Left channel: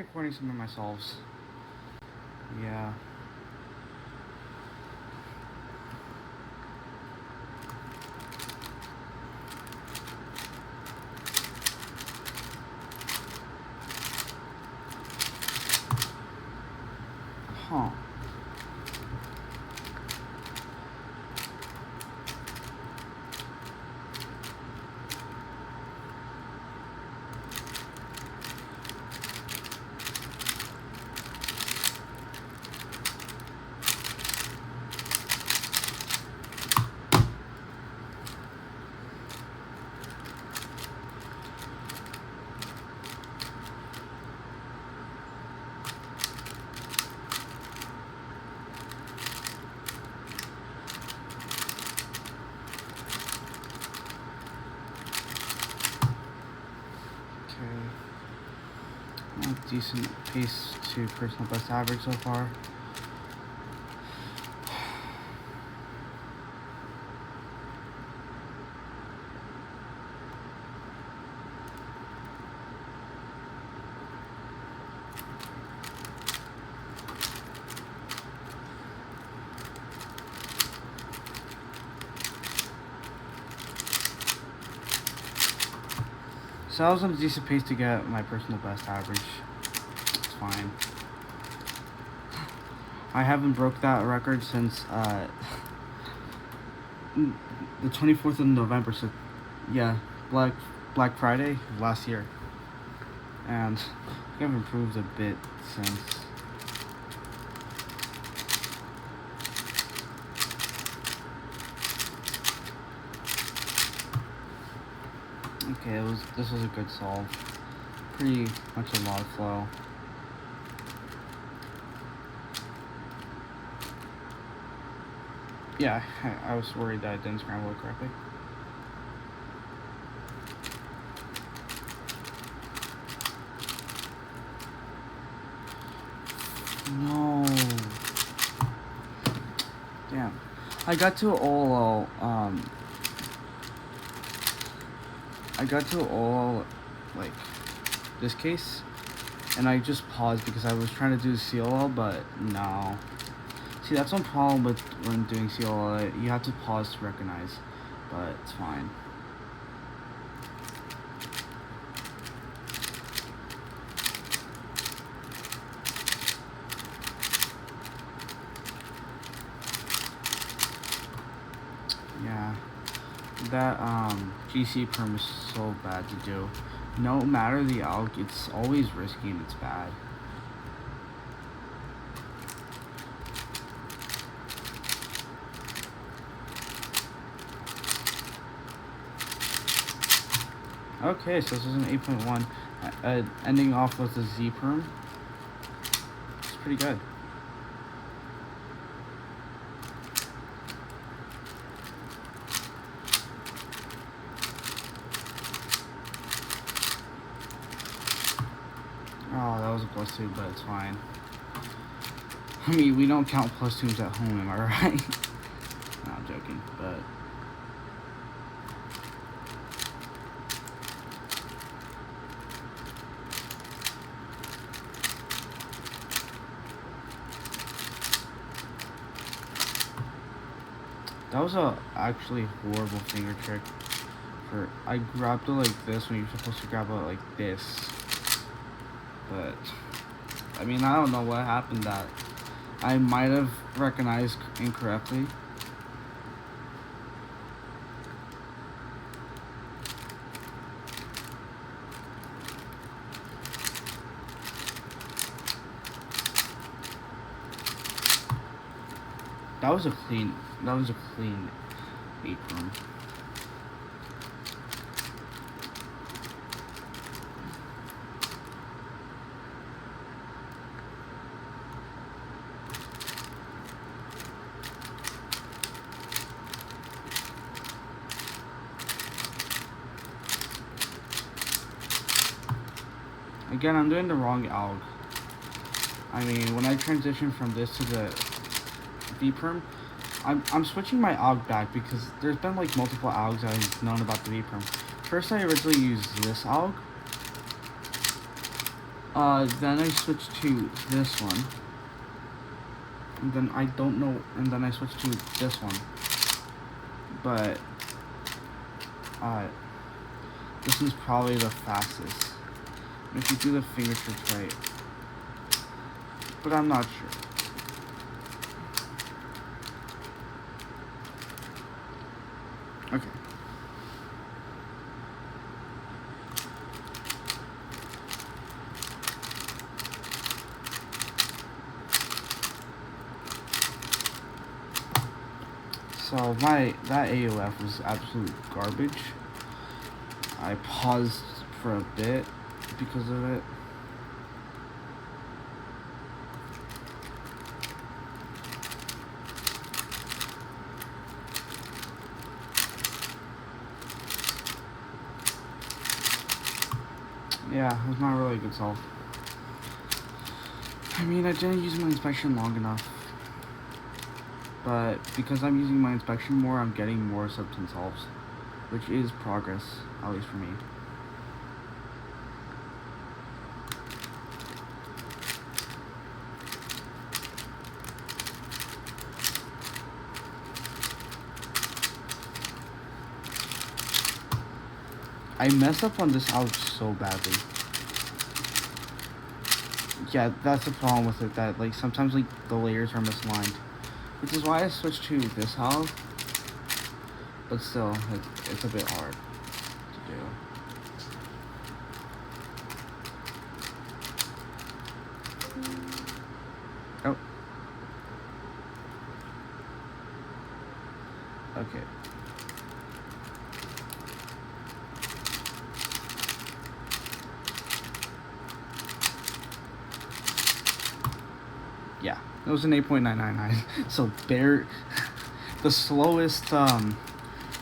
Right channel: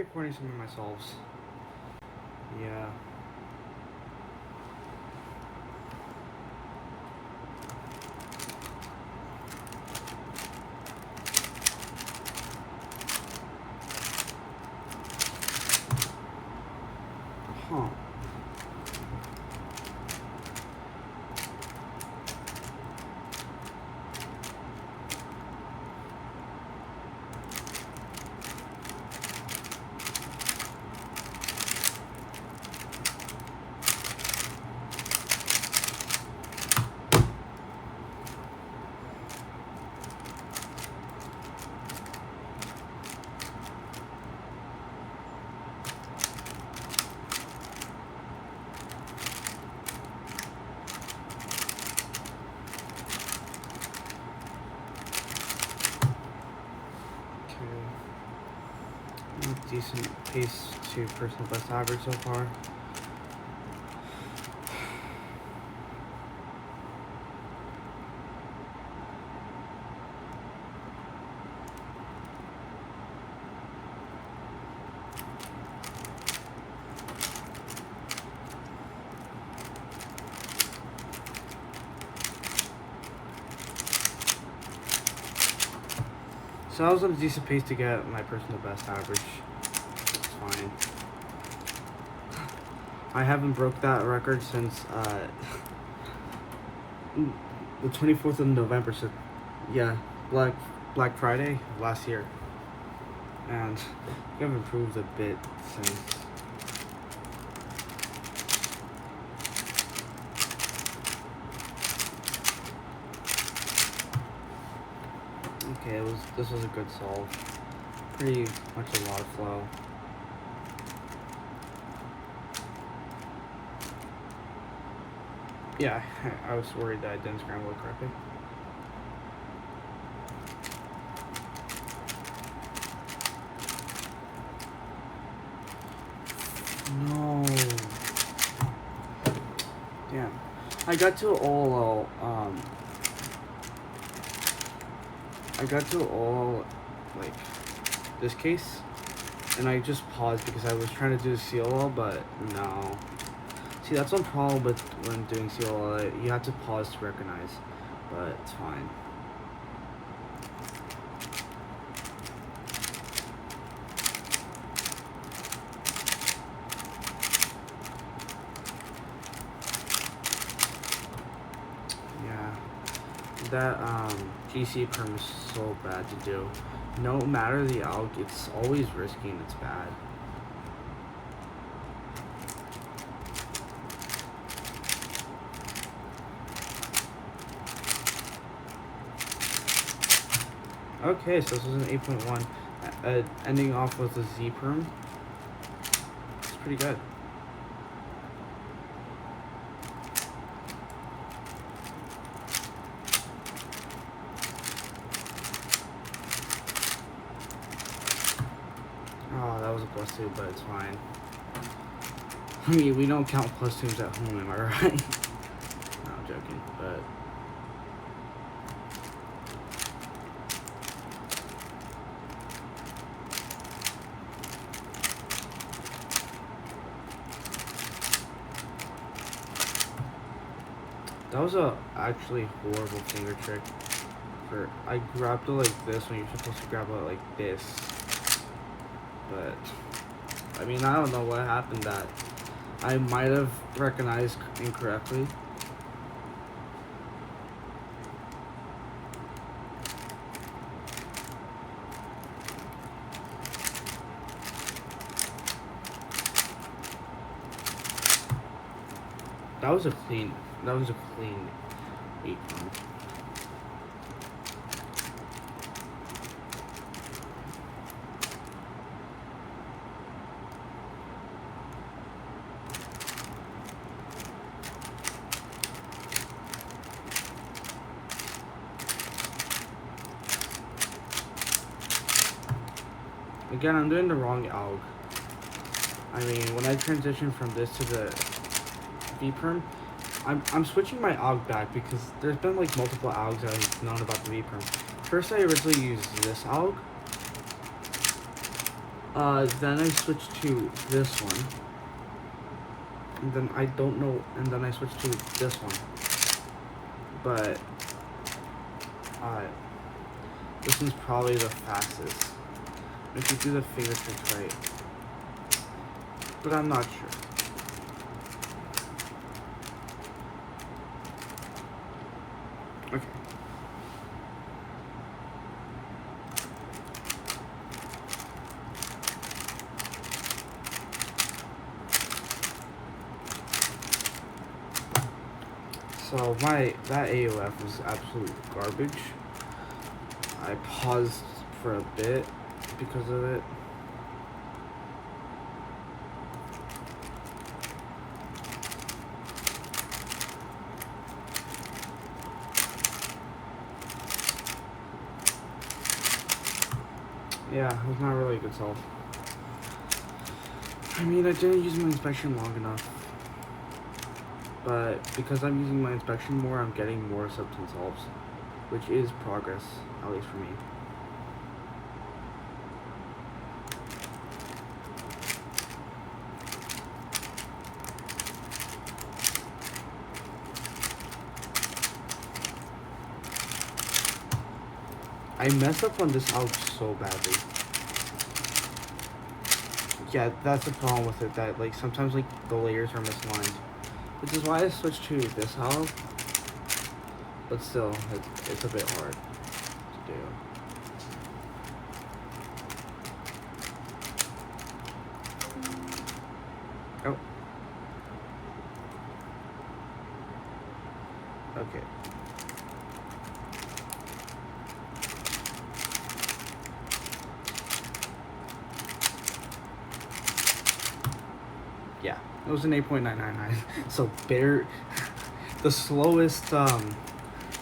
Recording some of myself. Yeah. Huh. Okay. Decent pace to personal best average so far. So that was a decent pace to get my personal best average. It's fine. I haven't broke that record since the 24th of November. So yeah, Black Friday of last year, and I've improved a bit since. Okay, this was a good solve. Pretty much a lot of flow. Yeah, I was worried that I didn't scramble it correctly. No. Damn. I got to all like this case, and I just paused because I was trying to do CLL, but no. See, that's one problem with when doing CLL. You have to pause to recognize, but it's fine. Yeah, that GC perm is so bad to do. No matter the alg, it's always risky and it's bad. Okay, so this is an 8.1. Ending off with a Z perm. It's pretty good. Oh, that was a plus 2, but it's fine. I mean, we don't count plus 2s at home, alright? No, I'm joking, but... That was a actually horrible finger trick. I grabbed it like this when you're supposed to grab it like this. But, I mean, I don't know what happened that I might have recognized incorrectly. That was a clean 8 point. Again, I'm doing the wrong alg. I mean, when I transition from this to the V perm, I'm switching my alg back because there's been like multiple algs I've known about the V perm. First, I originally used this alg, Then I switched to this one. And then I don't know, and then I switched to this one. But, this one's probably the fastest. If you do the finger trick right. But I'm not sure. Okay. So that AOF was absolute garbage. I paused for a bit because of it. Yeah, it was not really a good solve. I mean, I didn't use my inspection long enough. But because I'm using my inspection more, I'm getting more sub 10 solves. Which is progress, at least for me. I mess up on this out so badly. Yeah, that's the problem with it, that like sometimes like the layers are misaligned. Which is why I switched to this halve. But still, it's a bit hard to do. Oh. Okay. Yeah, it was an 8.999. So the slowest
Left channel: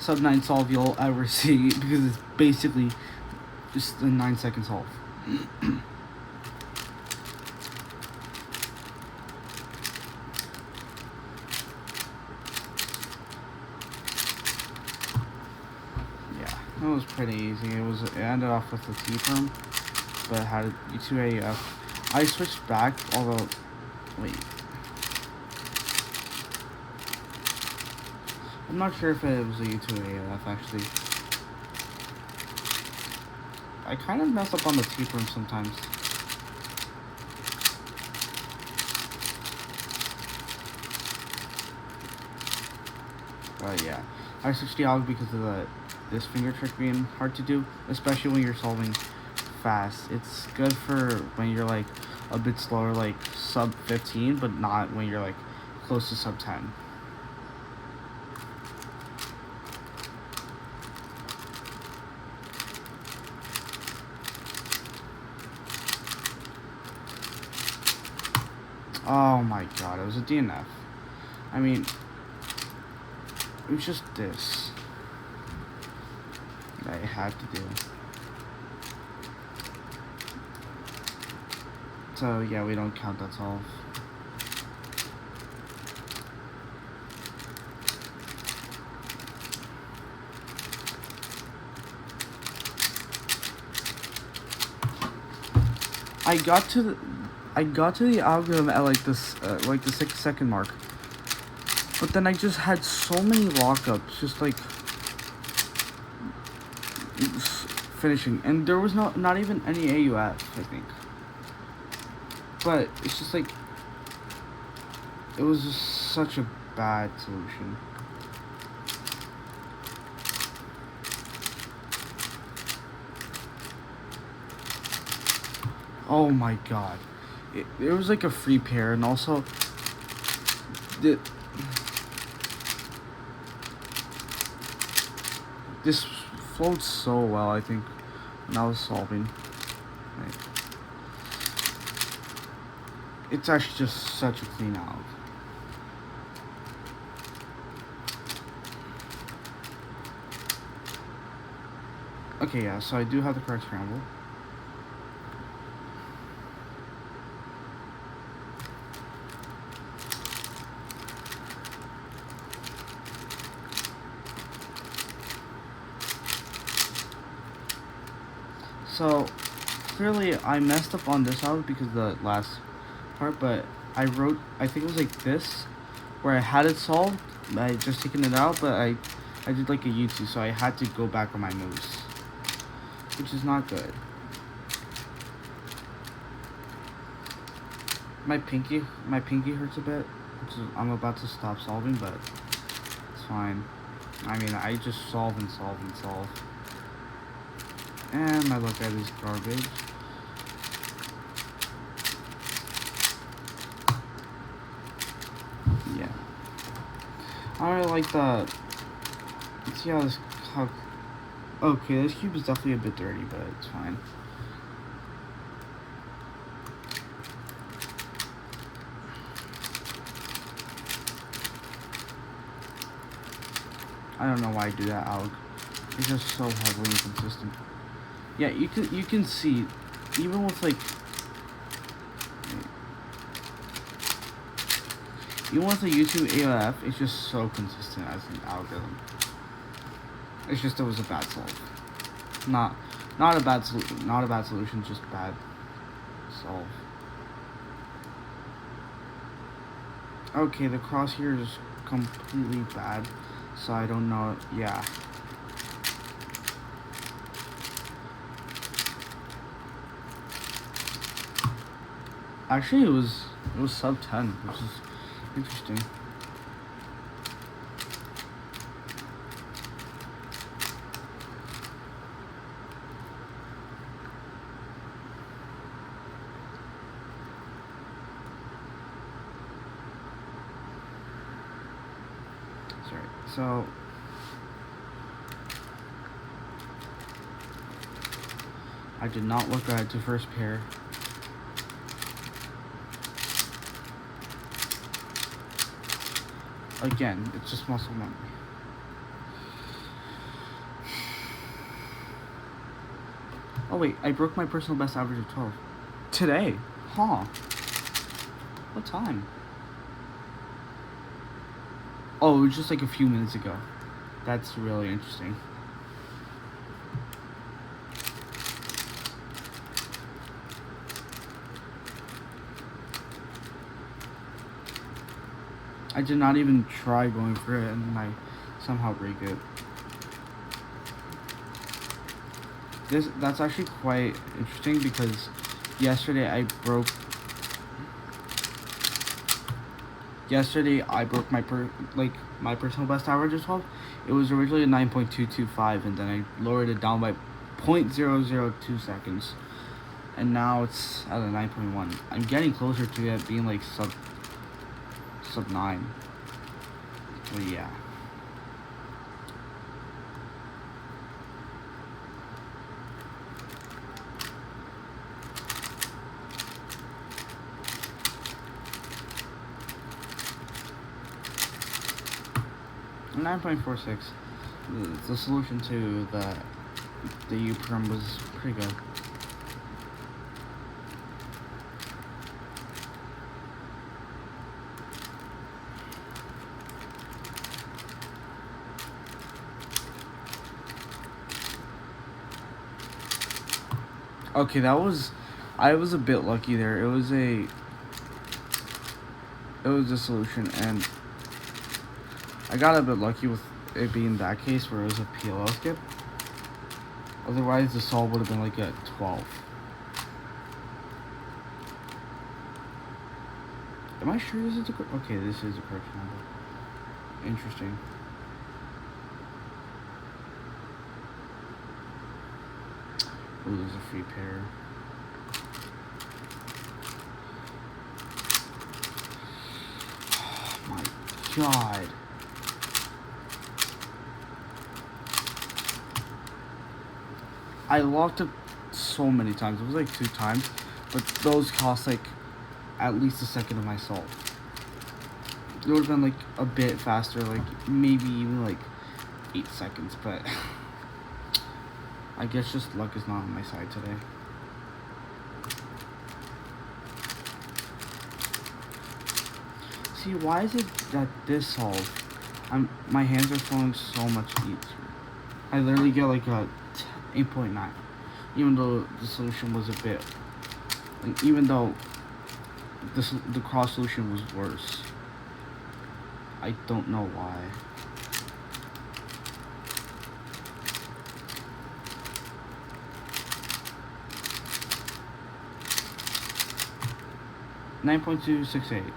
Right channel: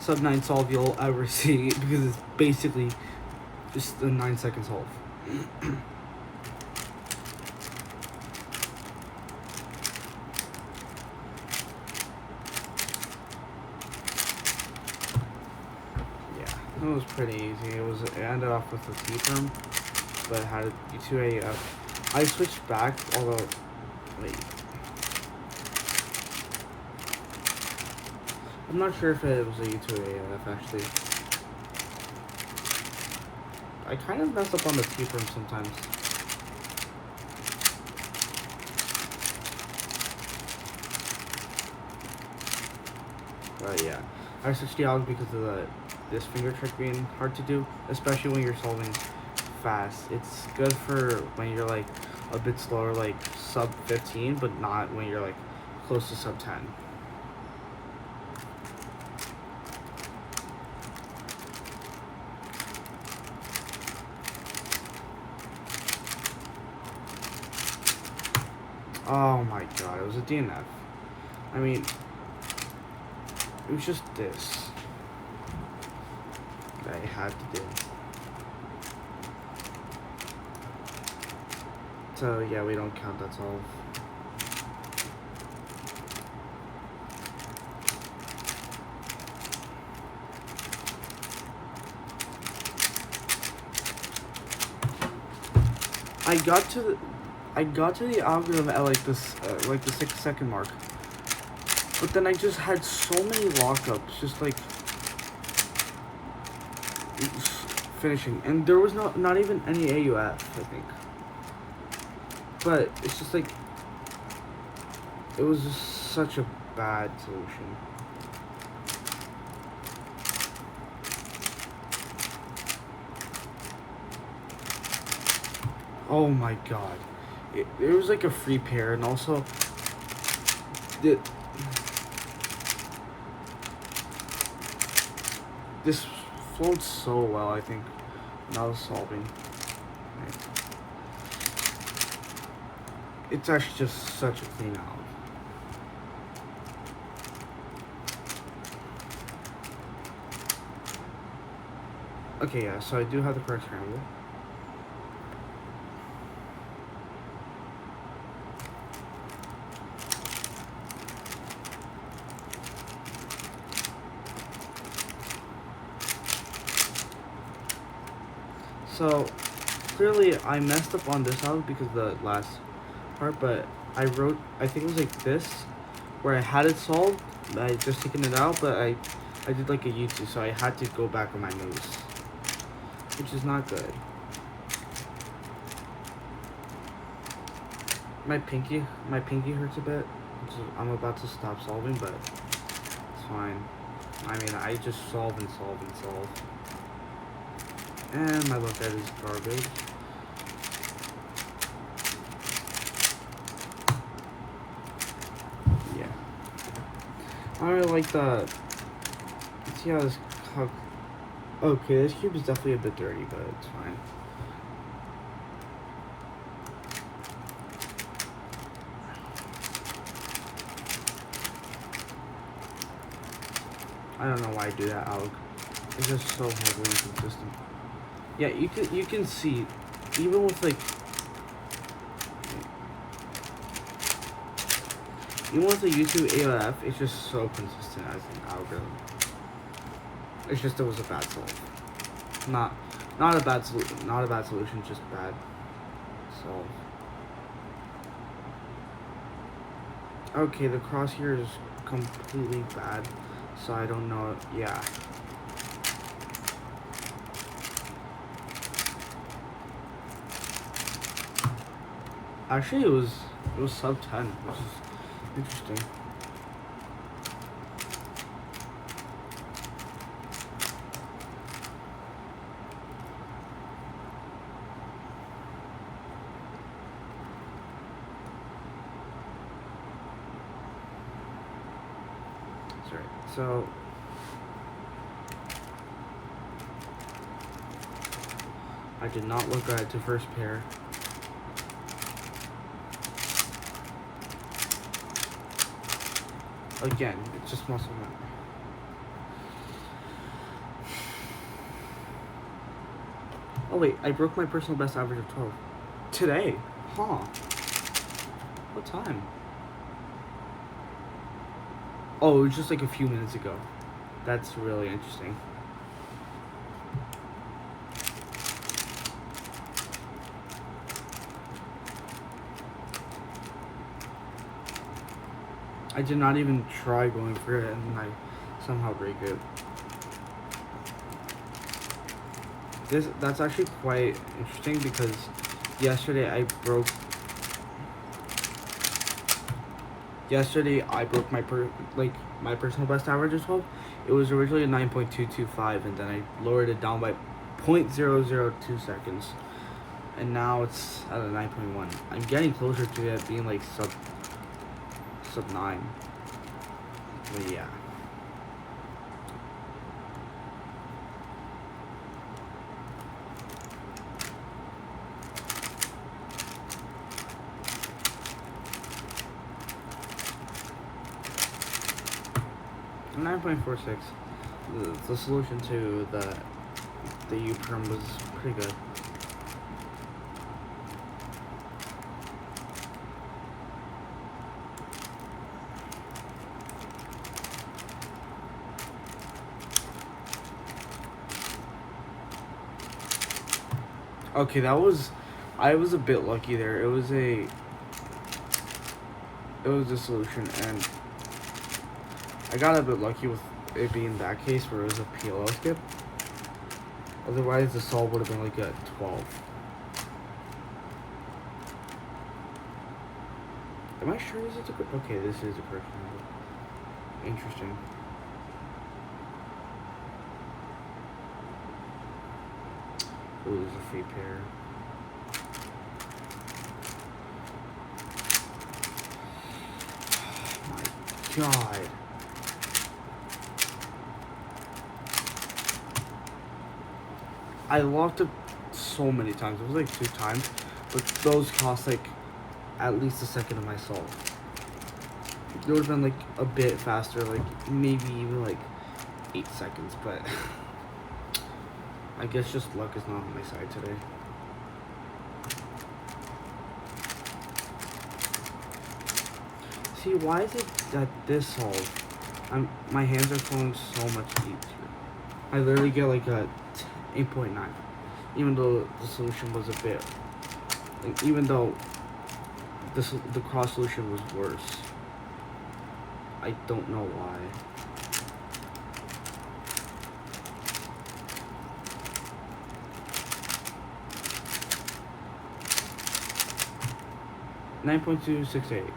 sub 9 solve you'll ever see, because it's basically just a 9-second solve. It was pretty easy. It ended off with a T-firm, but it had U2 AF. I switched back, although wait, I'm not sure if it was a U2 AF actually. I kind of mess up on the T-firm sometimes. But yeah, I switched the alg because of this finger trick being hard to do, especially when you're solving fast. It's good for when you're like a bit slower, like sub 15, but not when you're like close to sub 10. Oh my god, it was a DNF. I mean, it was just this that I had to do. So yeah, we don't count that solve. I got to the algorithm at like this like the 6-second mark, but then I just had so many lockups, just like finishing, and there was not even any AUF, I think. But it's just like it was just such a bad solution. Oh my god. It was like a free pair, and also this flowed so well, I think, when I was solving. Right. It's actually just such a clean out. Okay, yeah, so I do have the correct scramble. So clearly I messed up on this out because the last part, but I wrote, I think it was like this, where I had it solved, I just taken it out, but I did like a YouTube, so I had to go back on my moves, which is not good. My pinky hurts a bit, which is, I'm about to stop solving, but it's fine. I mean, I just solve and solve and solve. And my look at is garbage. Yeah. Alright, like the... Let's see how this... Okay, this cube is definitely a bit dirty, but it's fine. I don't know why I do that, Alec. It's just so heavily inconsistent. Yeah, you can see, even with like, even with the YouTube AOF, it's just so consistent as an algorithm. It's just it was a bad solve. Not a bad solution, just bad solve. Okay, the cross here is completely bad, so I don't know. Yeah. Actually, it was sub 10, which is interesting. So I did not look at the first pair. Again, it's just muscle memory. Oh wait, I broke my personal best average of 12. Today? Huh. What time? Oh, it was just like a few minutes ago. That's really interesting. I did not even try going for it, and then I somehow break it. That's actually quite interesting because yesterday I broke my personal best average of 12. It was originally a 9.225, and then I lowered it down by 0.002 seconds, and now it's at a 9.1. I'm getting closer to it being like sub 9. But yeah. $9.46. The solution to the U term was pretty good. Okay, I was a bit lucky there. It was a solution, and I got a bit lucky with it being that case where it was a PLL skip. Otherwise, the solve would have been like a 12. Am I sure this is a okay? This is a correct number. Interesting. Oh, there's a free pair. Oh my god. I locked it so many times. It was like 2 times, but those cost like at least a second of my soul. It would have been like a bit faster, like maybe even like 8 seconds, but I guess just luck is not on my side today. See, why is it that this solve, my hands are falling so much easier? I literally get like a 8.9. even though the solution was a bit, like, even though the cross solution was worse. I don't know why. $9.268.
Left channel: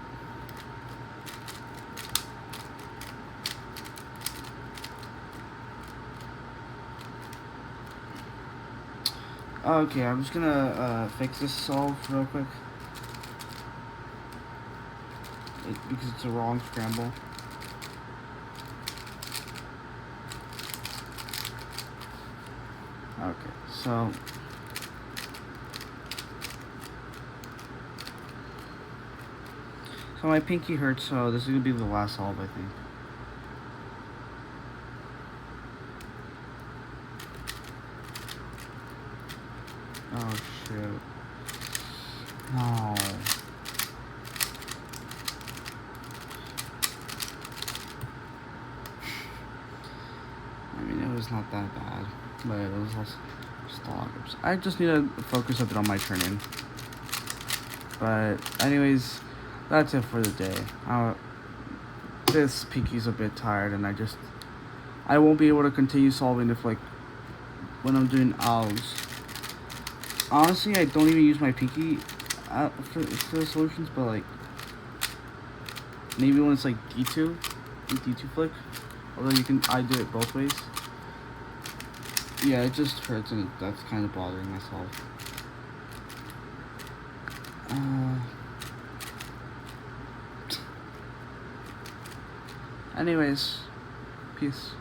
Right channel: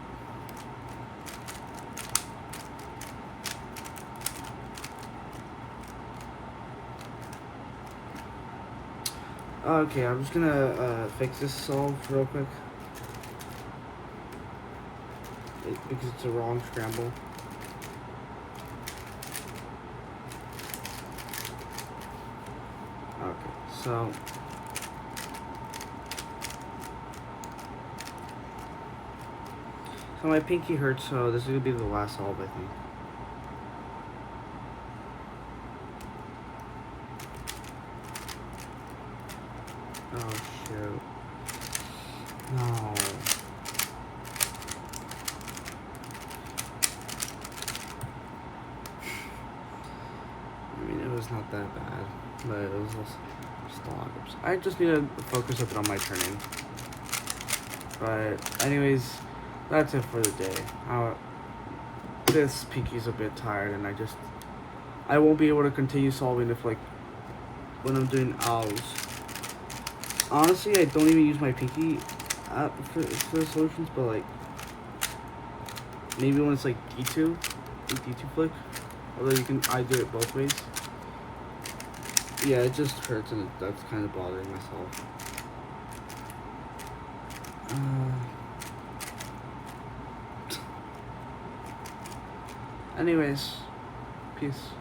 Okay, I'm just gonna fix this solve real quick. Because it's a wrong scramble. Okay, so my pinky hurts, so this is gonna be the last solve, I think. Oh shoot. No. I mean, it was not that bad, but it was still. I just need to focus a bit on my turning. But anyways, that's it for the day. This pinky's a bit tired, and I won't be able to continue solving if, like, when I'm doing O's. Honestly, I don't even use my pinky for the solutions, but, like, maybe when it's like D2 flick. Although I do it both ways. Yeah, it just hurts, and that's kind of bothering myself. Anyways, peace.